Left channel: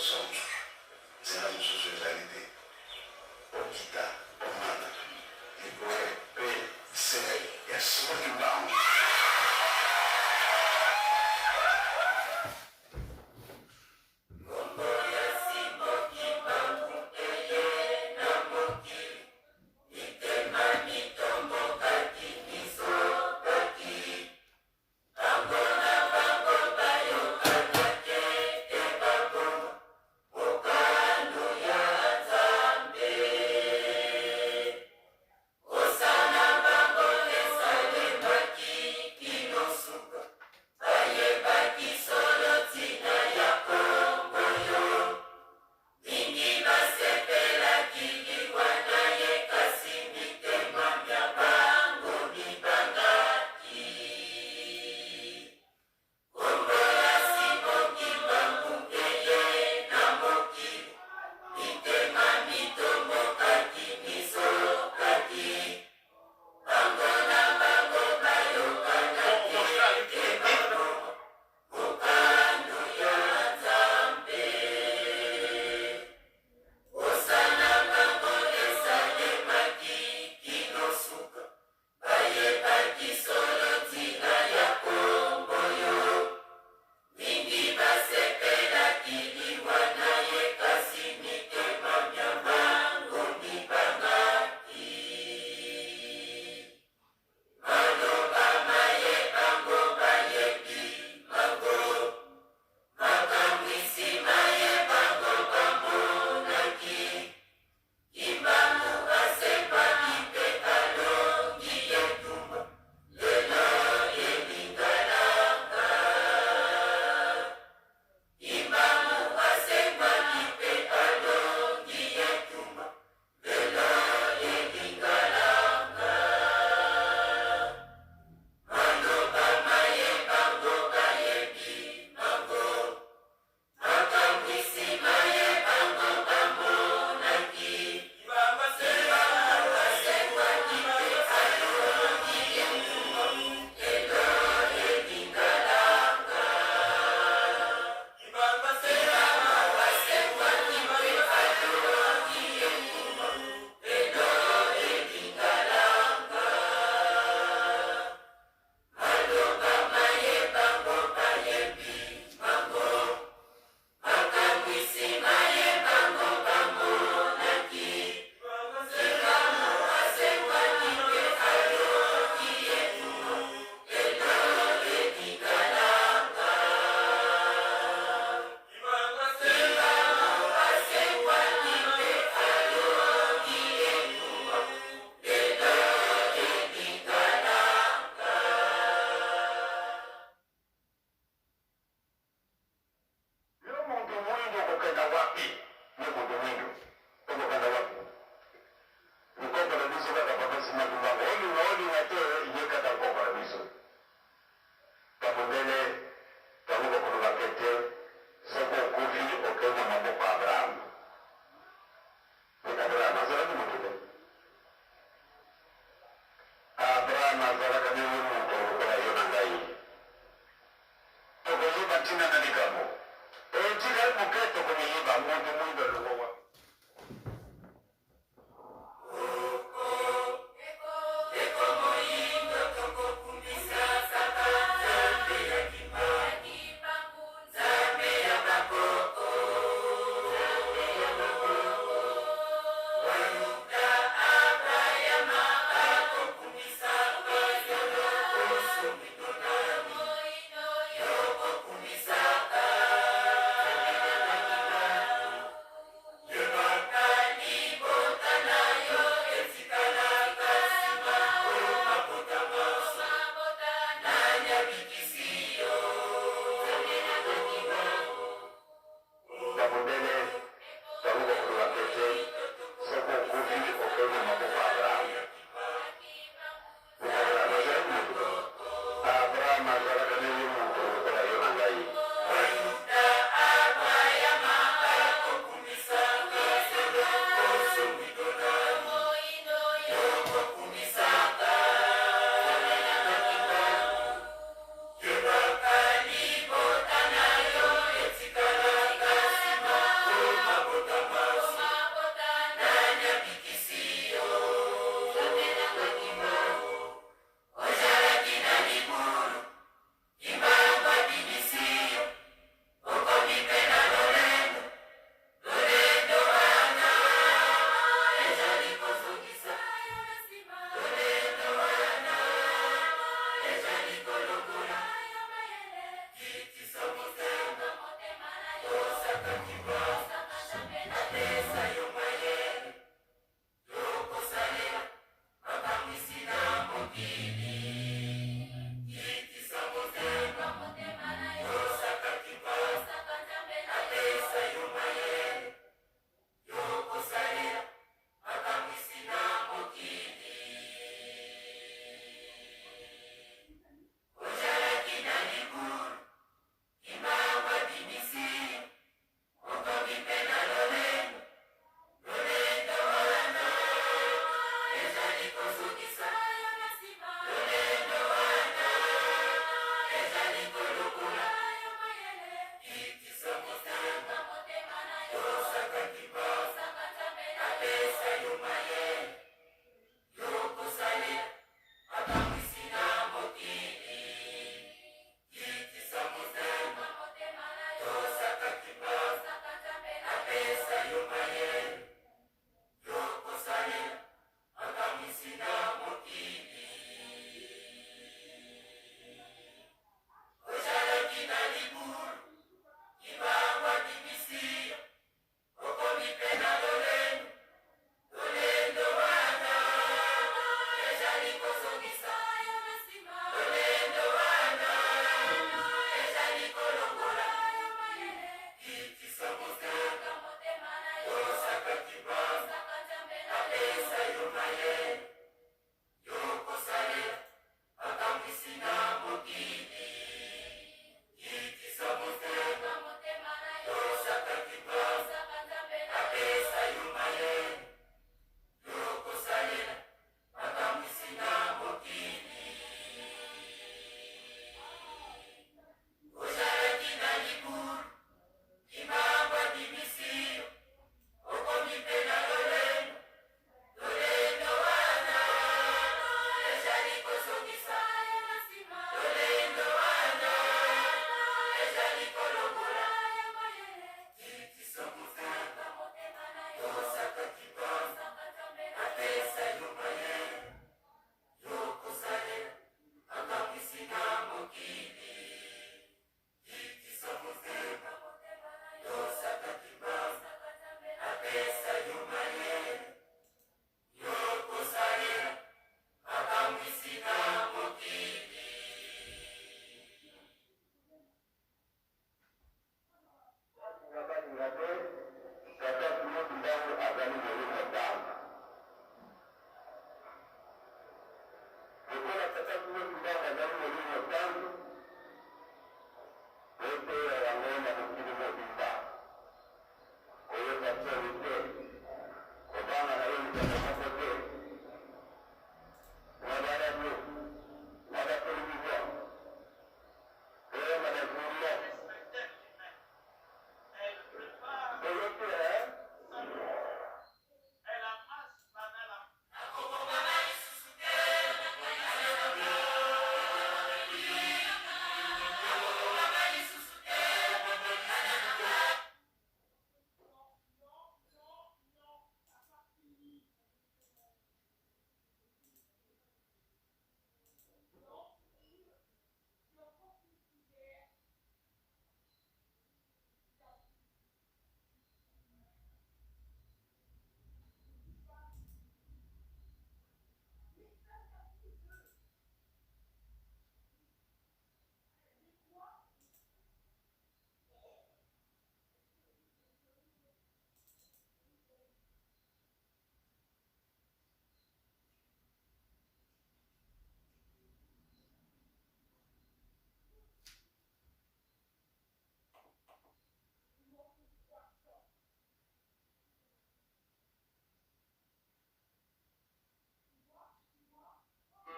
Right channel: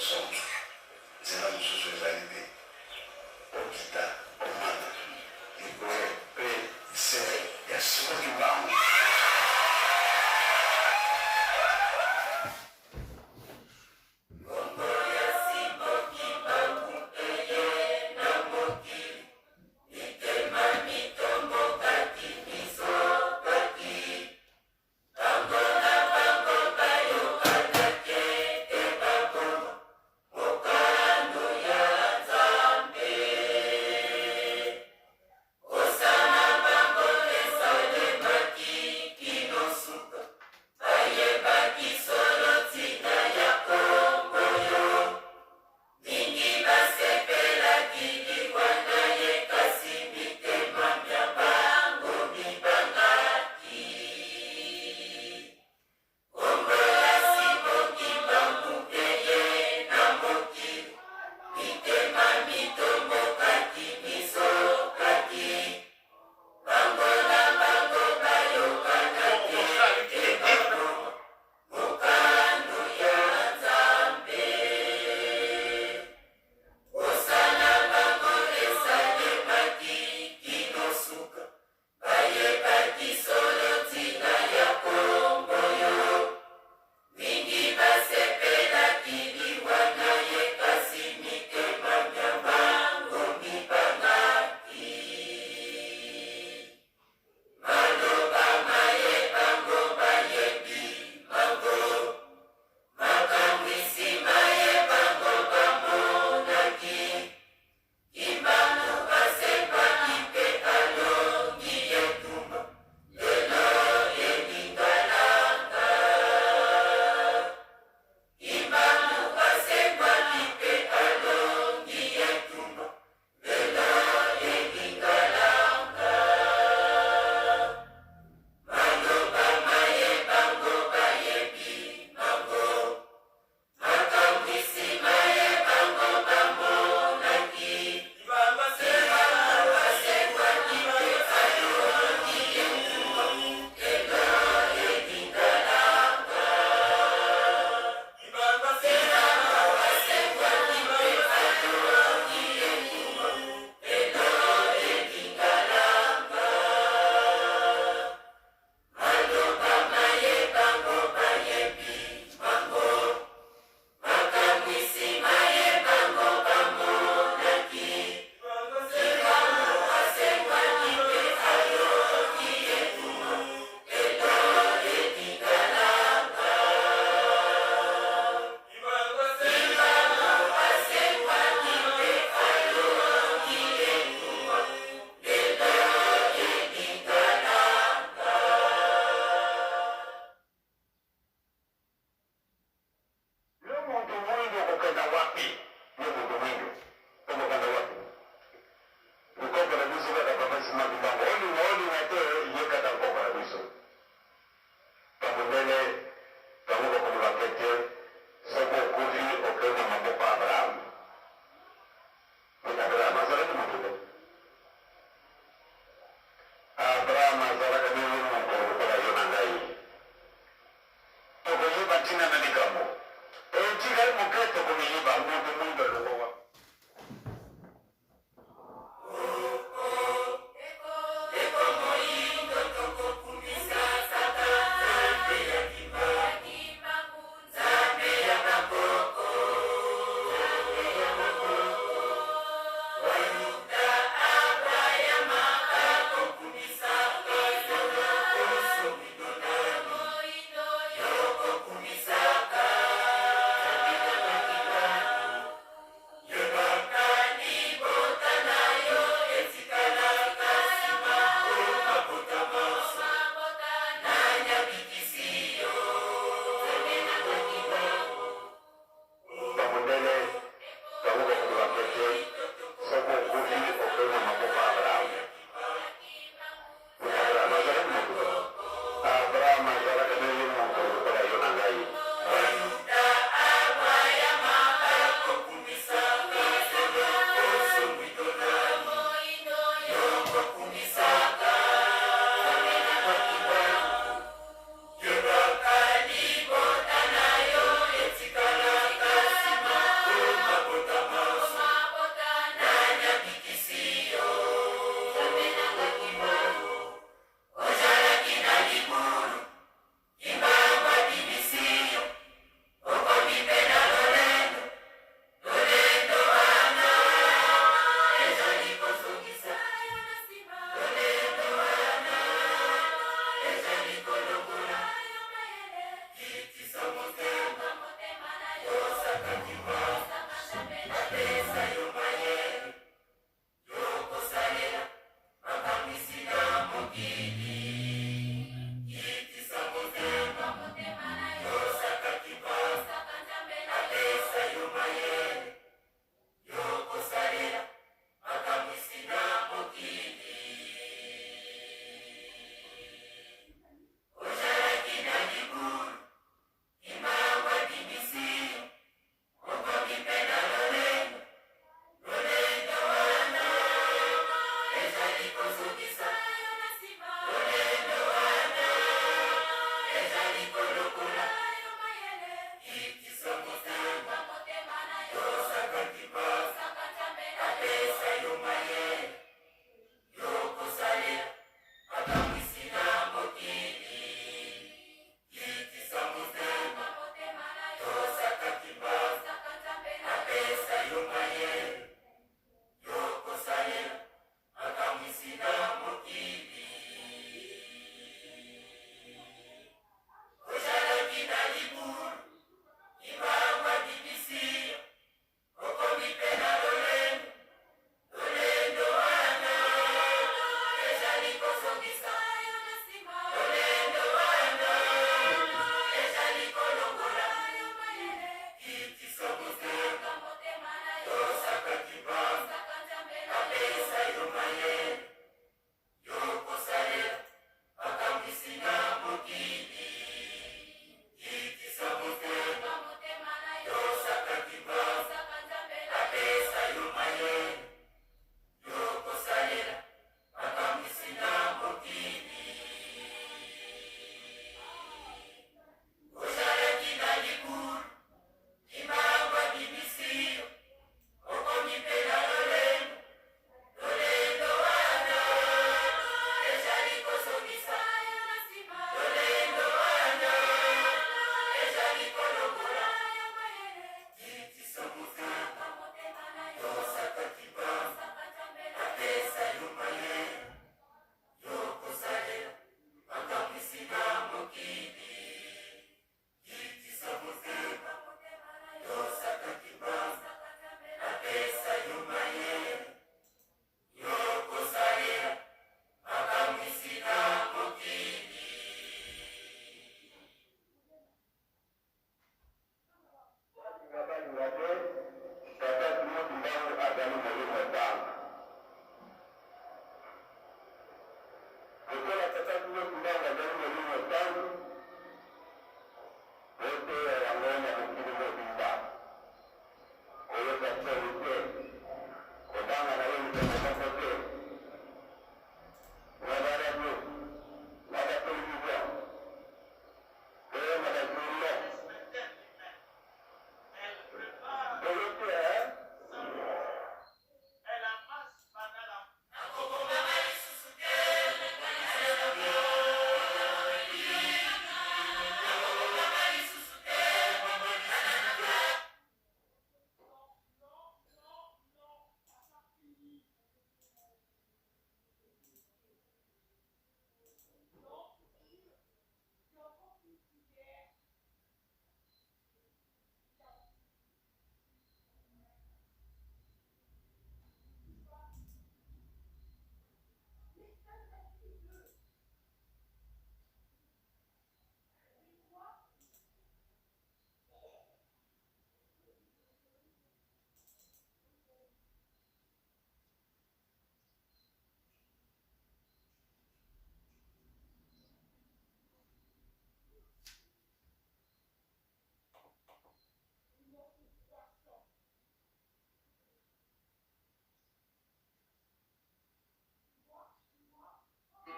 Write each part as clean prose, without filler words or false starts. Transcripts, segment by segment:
centro, zinazohusu zaidi okita omwana se yasoma kibango.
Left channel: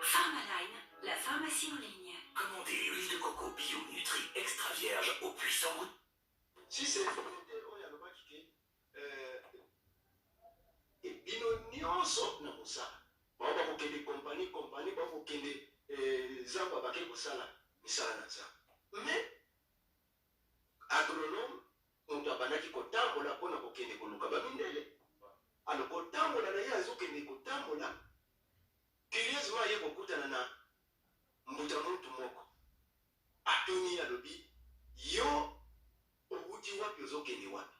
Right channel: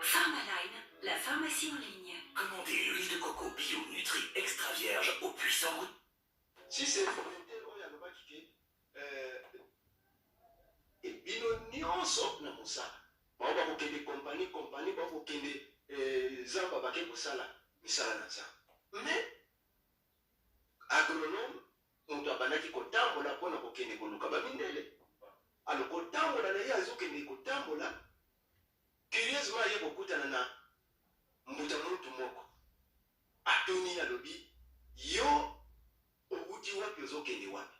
Pharmaline, la pharmacie en ligne. Commandez l'huile de coco bio Nutri extra vierge au puissant goût. Si c'est volontaire, on y a le qui et bino nyonso na mosala. Ba ba ko kende compagnie ba ko kende zamba ba ke kosala misala na za. Mais agronome on doit banaki kotambola pona ko kende koluka ba mindele. Alors kotambola na ye azokende kotambola. Curieusement ye kokutana na mbuta muntu moko. Atoni alobi yo outi wapi ozokende wapi.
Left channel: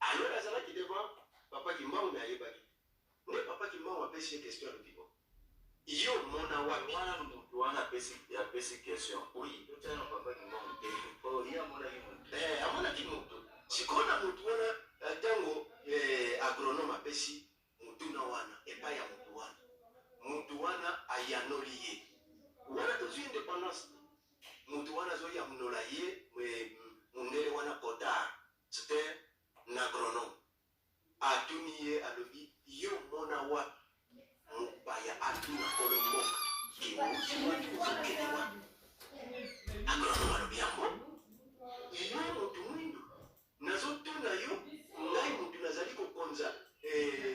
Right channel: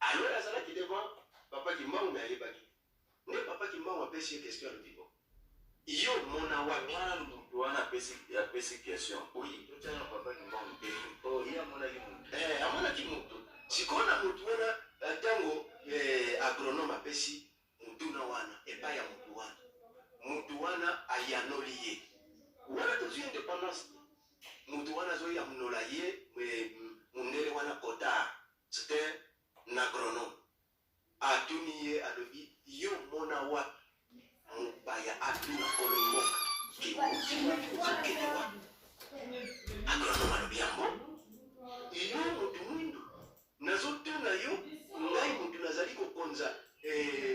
Alors azalaki devant papa Kimbangu na yebaki. Ne papa Kimbangu apesi ye question alobi bo. Yo mona wapi? Wana mutu wana apesi question. Oui. Totiana papa Kimbangu te. Oh, ye amonaki mutu. Amonaki mutu. Sikona mutu wana tango agronome apesi mutu na wana epai ya mutu wana. Mutu wana ayanoli ye. Wana tozwi indépendance. Mutu wana zo yamnola ye mundele wana kota. C'était un agronome. Atuni ye alobi yo mona wapi? Mupaya atuna kolomboka. Ki wuti wapi uzokende wapi? Agronome alobi yango. Iyo mutu mwindu. Nazotuna yo ngai mutu nazali kokonza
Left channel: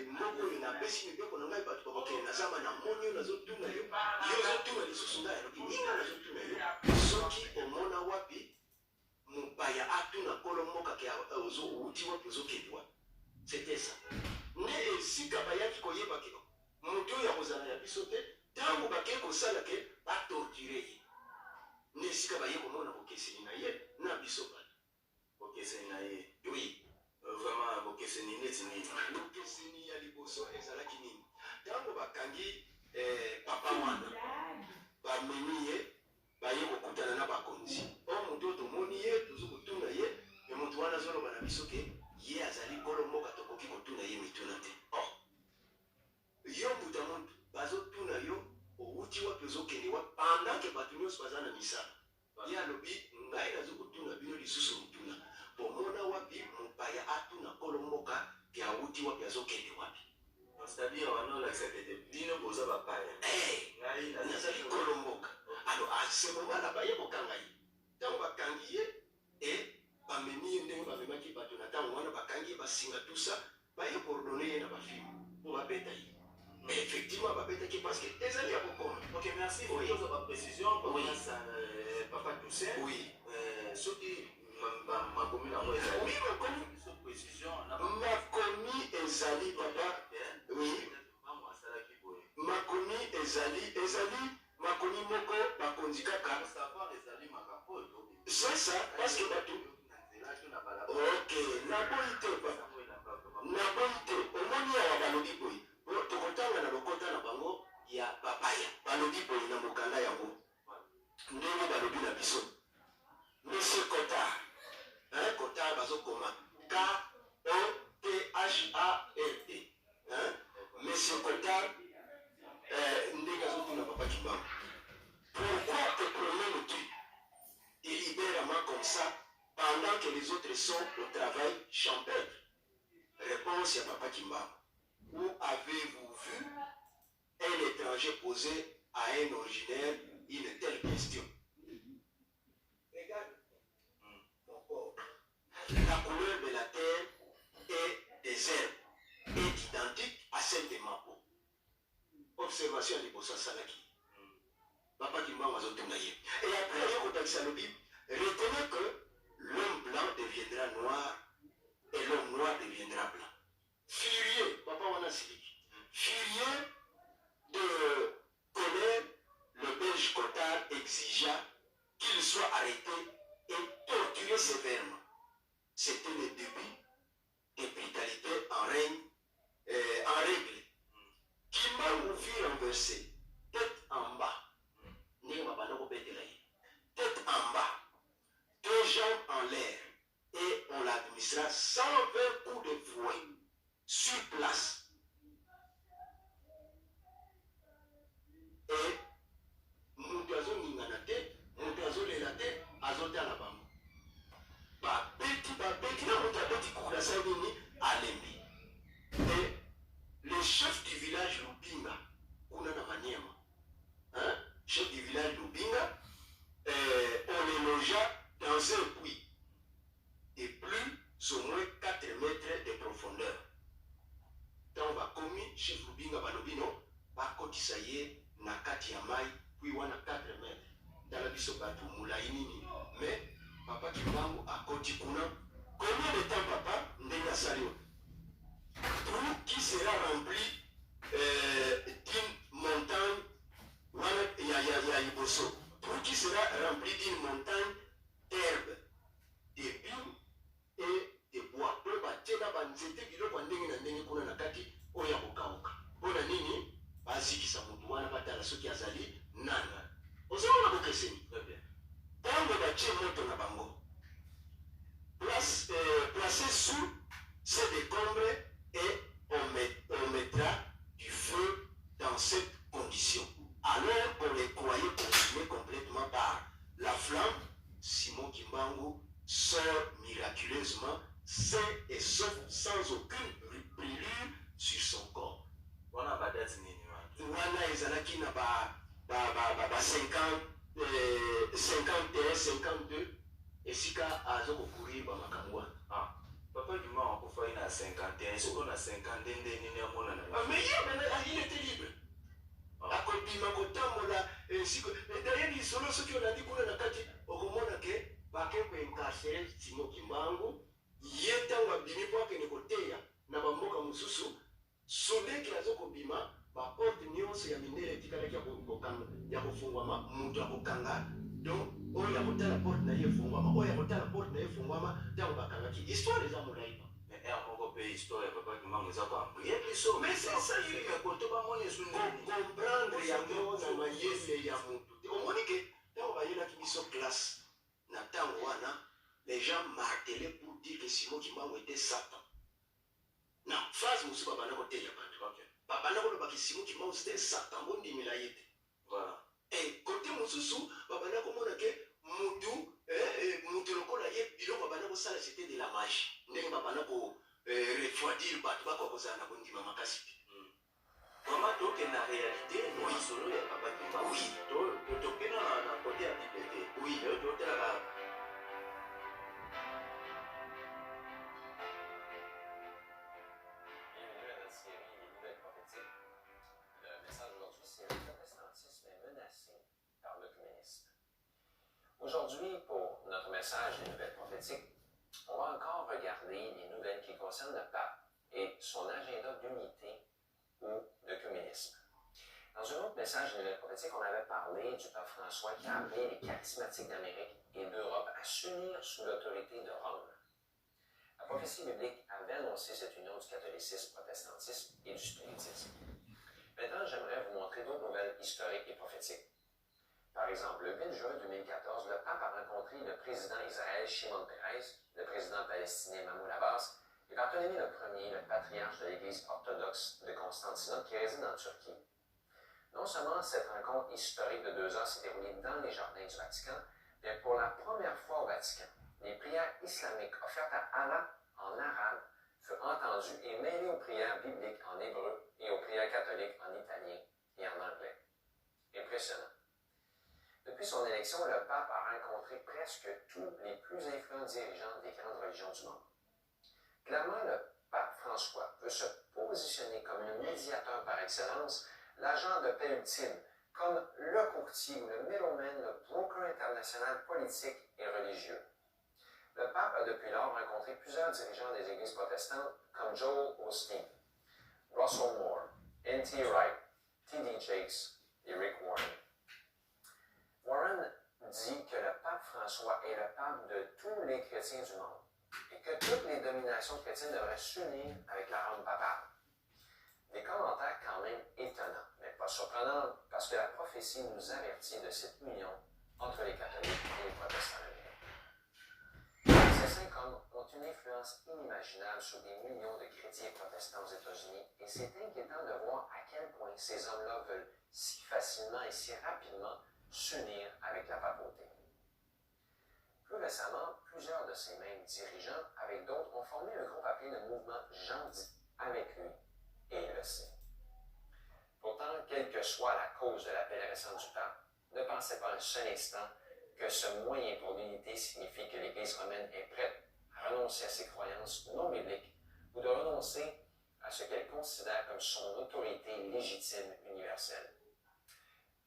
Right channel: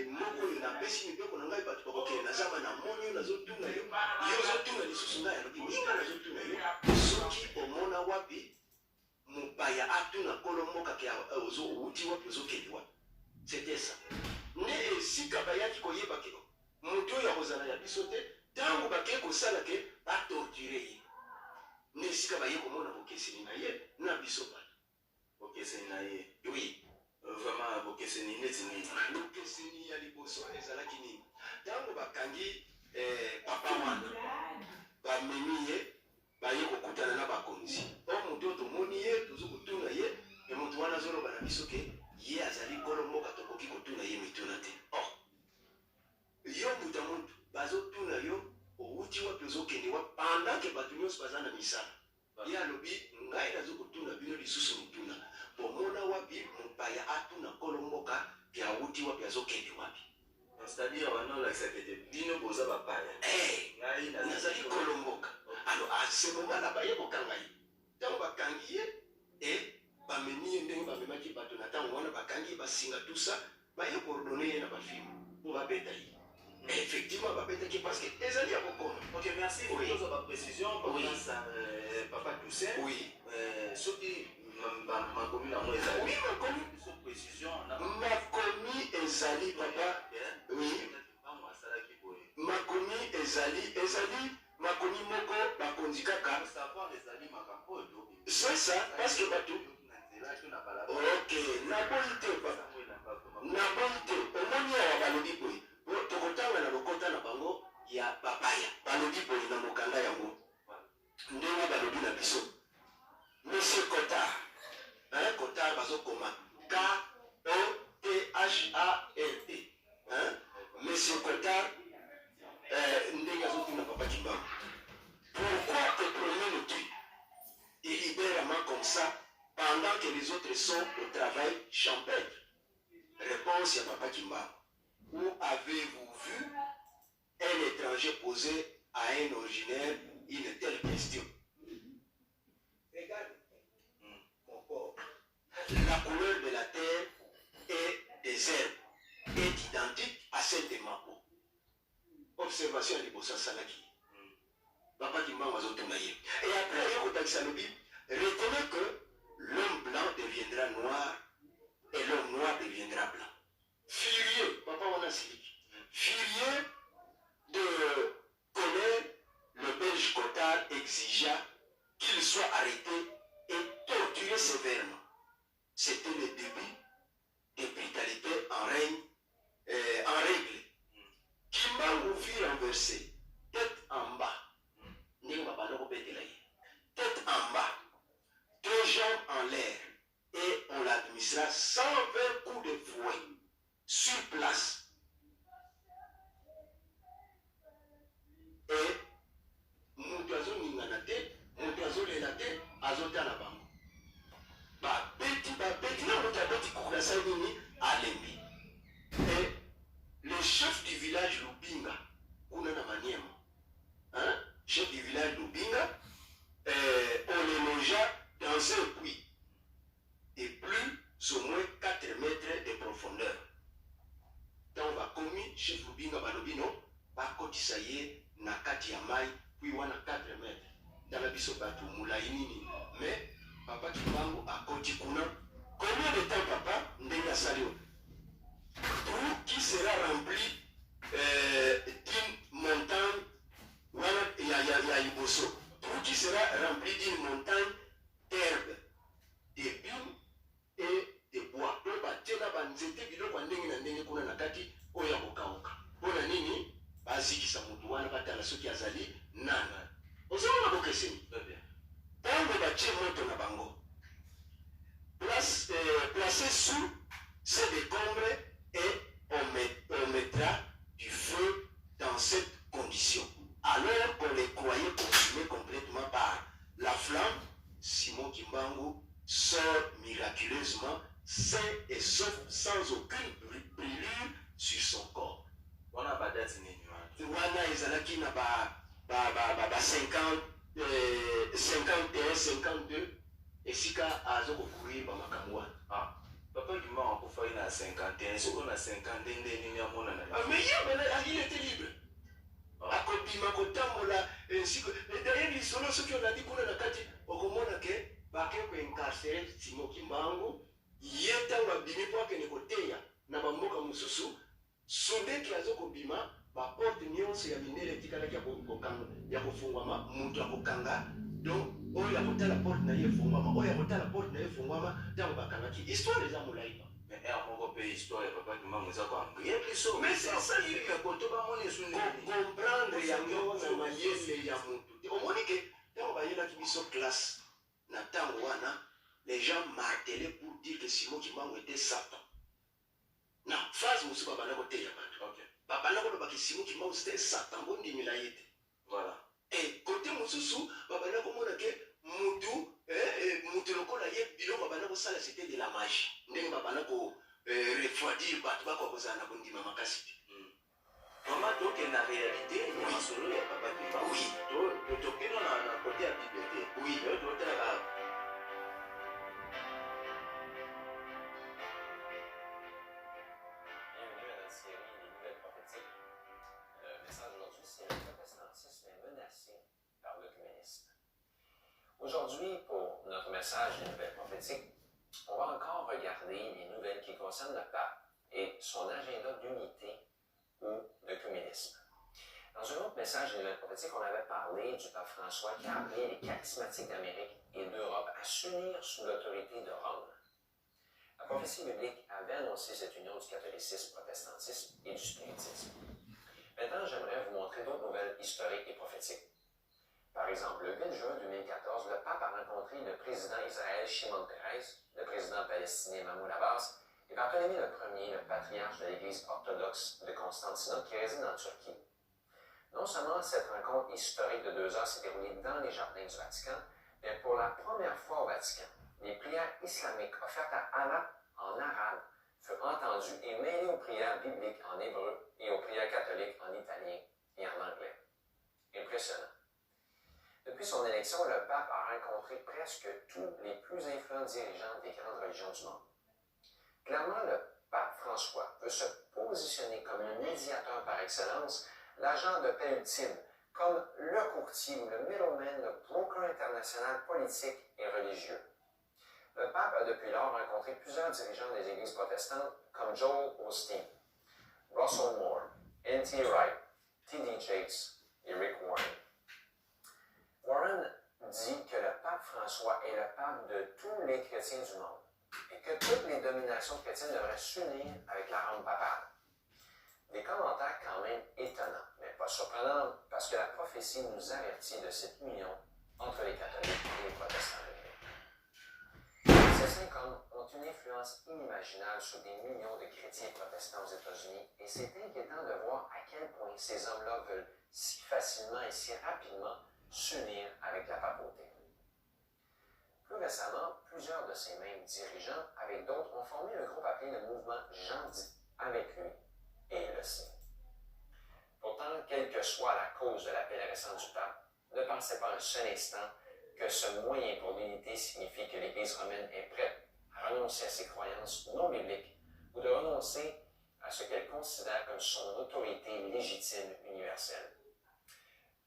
moko yo napesi mibeko na ngai bato bakokende nazama na monio nazotuna yo. Yo zotuna lisusu ngai alobi ninga nazotuna yo. Soki omona wapi mupaya atuna kolomboka ke ozo wuti wapi uzokende wapi? C'était ça. Ne esika bayaki koyeba ke mutu oyo akozala ya biso te ntango bakei kosala ke batorture ye. Ne esika baye komona bokeseni na ye na biso bato. Bokeseni na ye. Oui. Vraiment bokeseni neti nini? Bokeseni ya liboso ezalaki nini? Ntango bakangi papa wana bamemi ye baye kokutana na bakonzi. O mutu oyo tomoni ye tozo kotuna ye mutu wana azoloba na biso ke ye azali kolomboka tokoki kotuna ye mituna te. Yo mutu mutu bazotuna yo outi wapi ozokende wapi pendant ke bato nyonso baza na misala. Ye alobi ngai nazokotuna bino lisusu mutuna bomona wapi mupaya atuna kolomboka ke auti wapi azokende wapi. C'est-à-dire wanolakisa tete bino boza bapaya. Ngai nazali kolomboka. Alors à ce moment-là baye kokanga ye. Ntango bakangi ye bamemi ye ndenge bamemaki bato na ntango wana bakangi basinga tout ça baye koordonne ye na bafilme po babeta ye. Effectivement babetaki parce que ezali ya kokoma. Ok, merci. Oui. Pour votre précision, Oui. Papa Toussaint. Oui. Soki makomi na moi ezali. Oui, makomi. Sur précision na Makomi ezali papa. Oui. Bango asalaki boye. Makomi ezali makomi moko bakonzi kaka. Savoir ezali makambo oyo. C'est ça parce que bato. Ok, naboyi te papa. Naboyi te. Omoni awa balobi boye. Tokotanga na lokota na bango ya papaya. Balobi boye na mokanda yango. Ndenge balobi na biso. Monsieur Cotard. Cotard bazokoma. K-O-T-H-A-R-D. Monsieur Cotard. Ndenge azotuna papa Kimbangu. Pourquoi te promènes tu? Il libère la main comme ça pendant que les autres sont au travail champêtre. Réponse à papa Kimbangu. Où avez-vous vu un étranger poser à un originaire une telle question? Regarde, mon corps. La couleur de la terre et des herbes est identique à celle de ma peau. Observation de Bossa Salaki. Papa Kimbangu azotuna ye. Et après, il y a le Bible. Retenez que l'homme blanc deviendra noir et l'homme noir deviendra blanc. Furieux, papa Wanasili, furieux de connaître, le Belge Cotard exigea qu'il soit arrêté et torturé sévèrement. C'était le début de brutalité en règle. Kimbangu fut renversé, tête en bas. Tête en bas, deux jambes en l'air, et on l'administra 120 coups de fouet sur place. Et Moutazo Ninganate, Moutazo Lenate, Azotana Bango. Babeti, na Moutabeti Kourasanini, Alembi. Et le chef du village Lubinga, Kunana Maniema, chef du village Lubinga, on les logea dans un puits de plus ou moins 4 mètres de profondeur. Dans va commis, chef Lubinga Balobino, bakotisa ye na kati ya mai, puis wana 4 mètres. Dans la biso batu mulainini. Mais papa Kimbangu akoti kuna. Combien de temps papa ndenge salio? Trou qui sera rempli d'une montagne, il y a Iboso. Trou qui sera rempli d'une montagne d'herbe, de soki azali nana ozomona bokeseni Très bien. ntango batie moto na bango placé sous ces décombres et on mettra du feu dans cette condition. Alors qu'on les croyait consumés complètement par la flamme, Simon Kimbangu sort miraculeusement sain et sauf sans aucune brûlure sur son corps. On a pas date nini. Wana ezalaki na ba 50 51 52 esika azokokourir bamakambo wana. Ah, papa qui m'a encore fait à 51, ce qu'on a 50 nini à mon année. Mais il était libre. Akobima kotambola nsiko d'ailleurs lisolo soki olandi kuna na kati okomona ke bake koincarcere Simon Kimbangu ye ntango abimi mpo akende koteya na bamboka mosusu sondeki azokobima baporte nyonso ya mindele etikalaki ya kofungwama moto akokanga donc oyo akotala porte na ye efungwama oyo akotala porte na ye efungwama ntango bakangaki histoire eza molai pa. Mais on peut histoire papa qui m'a mis à quoi. Il y a plus ça. Mais c'est ça il y a koto ba moni sunu comprendre yango na mayele ya mutu omoni ke ntango bayelaki biso classe na ntango wana les gens martelaient pour dire que Simon Kimbangu était Satan. Na phrase mosusu babanda koteya bato babanda kolobaki Simon Kimbangu c'était Satan bondimela ye te. Voilà. Et côté mosusu babanda komona ke mutu lokola ye biloko babanda kosala c'était de la magie ndenge babanda ko refroidir bato bakokozala na kondima makasi te. Maman, toi qui es la réalité, il y a un solo, il y a papa qui parle. Oui. Toi, tu es dans la côté à bibliothèque. Oui. Toi, tu es là. Bienvenue à notre série Les Nouvelles prophétiques. Le message aujourd'hui, c'est le protestantisme est menacé par le communisme. Aujourd'hui, pour notre message Les Nouvelles prophétiques, on va encore regarder les nouvelles qui concernent le pape et son agenda d'unité ou de communisme. Dans un autre message des Nouvelles prophétiques, on avait parlé du pape François qui a appelé les charismatiques d'Amérique et d'Europe à s'unir sous l'autorité de Rome. La prophétie biblique avait annoncé cette union du catholicisme, protestantisme et du spiritisme. Maintenant, j'aimerais vous montrer d'autres nouvelles historiques et prophétiques. Par exemple, le 8 juin 2014, le pape a rencontré le président d'Israël, Shimon Peres, le président palestinien Mahmoud Abbas, et Barthélemy Ier, le patriarche de l'Église orthodoxe de Constantinople qui réside en Turquie. Non seulement cette rencontre historique de 2 heures s'est déroulée dans les jardins du Vatican, mais pour la première fois au Vatican, les prières islamiques offertes à Allah en arabe furent entendues et mêlées aux prières bibliques en hébreu et aux prières catholiques en italien et en anglais. Impressionnant. Depuis son élection, le pape a rencontré presque tous les plus influents dirigeants des grandes religions du monde. Clairement, le pape François veut se positionner comme le médiateur par excellence, l'agent de paix ultime, comme le courtier ou le middleman, le broker international politique et religieux. Le pape a depuis lors rencontré plusieurs dirigeants des églises protestantes comme Joel Osteen, Russell Moore, N.T. Wright, T.D. Jakes et Rick Warren. Warren dit que le pape François est le pape de tous les chrétiens du monde et que toutes les dominations chrétiennes devraient s'unir avec la Rome papale. Des commentaires quand même étonnants, mais pas surprenants parce que la prophétie nous avertit de cette union entre les catholiques et les protestants américains. Ces 5 hommes ont une influence inimaginable sur des millions de chrétiens protestants aux États-Unis et c'est inquiétant de voir à quel point ces hommes-là veulent si facilement et si rapidement s'unir avec la papauté. Plus récemment, plusieurs de ces mêmes dirigeants, avec d'autres, ont formé un groupe appelé le mouvement Jean dit avec lui, et il le sait. Pourtant, quelle que soit la cause de l'appel récent du pape, ne pensez pas un seul instant que ce moyen pour l'unité signifie que l'Église romaine est prête à renoncer à ses croyances non bibliques ou de renoncer à ce qu'elle considère comme son autorité légitime universelle.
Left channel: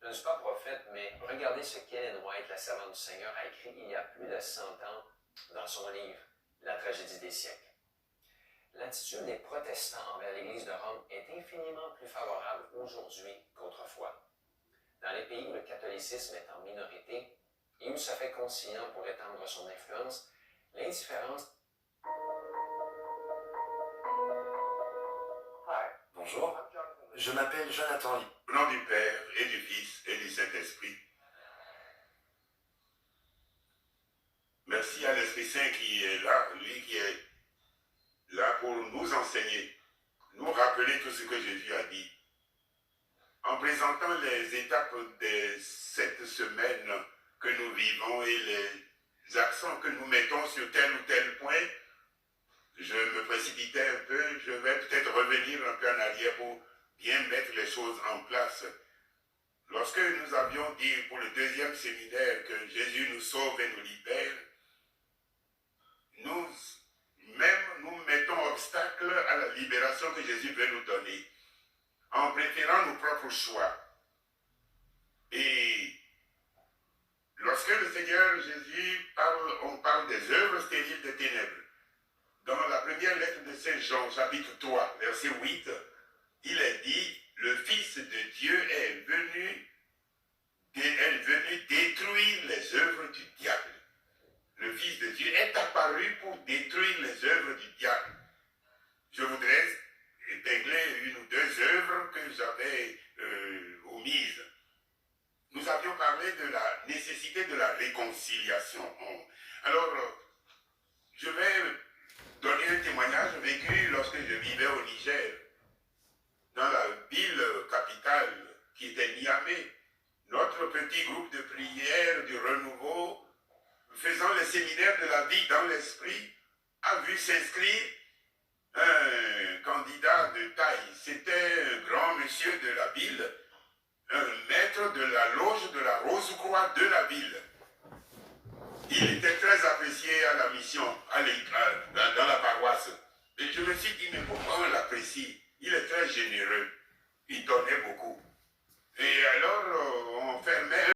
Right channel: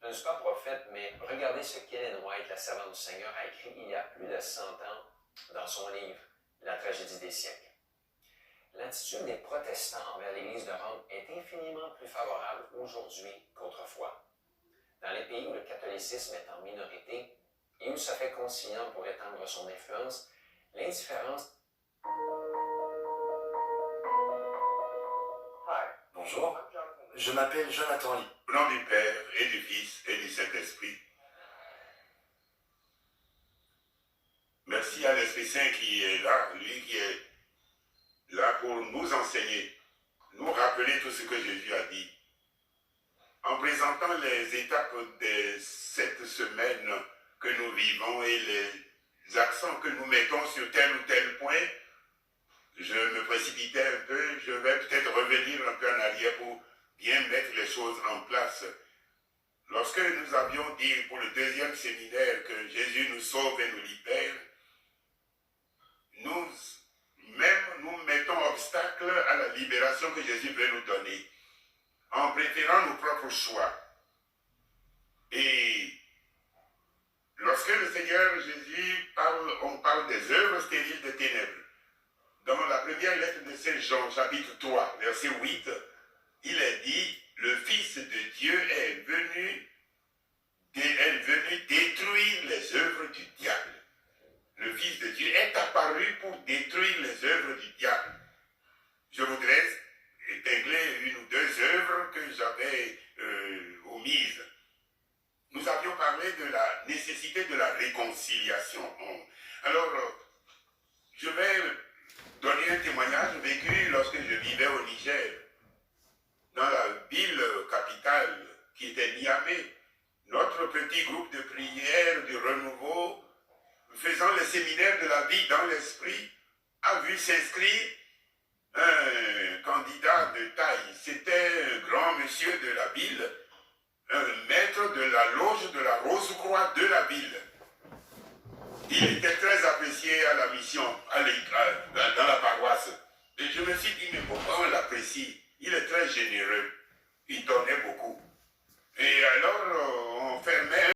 Je ne suis pas prophète, mais regardez ce qu'Ellen White, la servante du Seigneur, a écrit il y a plus de 100 ans dans son livre « La tragédie des siècles ». L'attitude des protestants envers l'Église de Rome est infiniment plus favorable aujourd'hui qu'autrefois. Dans les pays où le catholicisme est en minorité et où il se fait conciliant pour étendre son influence, l'indifférence... Bonjour, je m'appelle Jonathan Lee. Au nom du Père et du Fils et du Saint-Esprit. Merci à l'Esprit Saint qui est là, lui qui est là pour nous enseigner, nous rappeler tout ce que Jésus a dit. En présentant les étapes de cette semaine que nous vivons et les accents que nous mettons sur tel ou tel point, je me précipitais un peu, je vais peut-être revenir un peu en arrière pour bien mettre les choses en place. Lorsque nous avions dit pour le deuxième séminaire que Jésus nous sauve et nous libère, nous mettons obstacle à la libération que Jésus veut nous donner, en préférant nos propres choix. Et lorsque le Seigneur Jésus parle, on parle des œuvres stériles des ténèbres. Dans la première lettre de Saint Jean, chapitre 3, verset 8, il est dit, le Fils de Dieu est venu détruire les œuvres du diable. Le Fils de Dieu est apparu pour détruire les œuvres du diable. Je voudrais épingler une ou deux œuvres que j'avais omises. Nous avions parlé de la nécessité de la réconciliation. Alors, je vais donner un témoignage vécu lorsque je vivais au Niger, dans la ville capitale qui était Niamey. Notre petit groupe de prière du renouveau, faisant le séminaire de la vie dans l'esprit, a vu s'inscrire un candidat de taille. C'était un grand monsieur de la ville, un maître de la loge de la Rose-Croix de la ville. Il était très apprécié à la mission, dans la paroisse. Et je me suis dit, mais pourquoi on l'apprécie? Il est très généreux. Il donnait beaucoup. Et alors, on fermait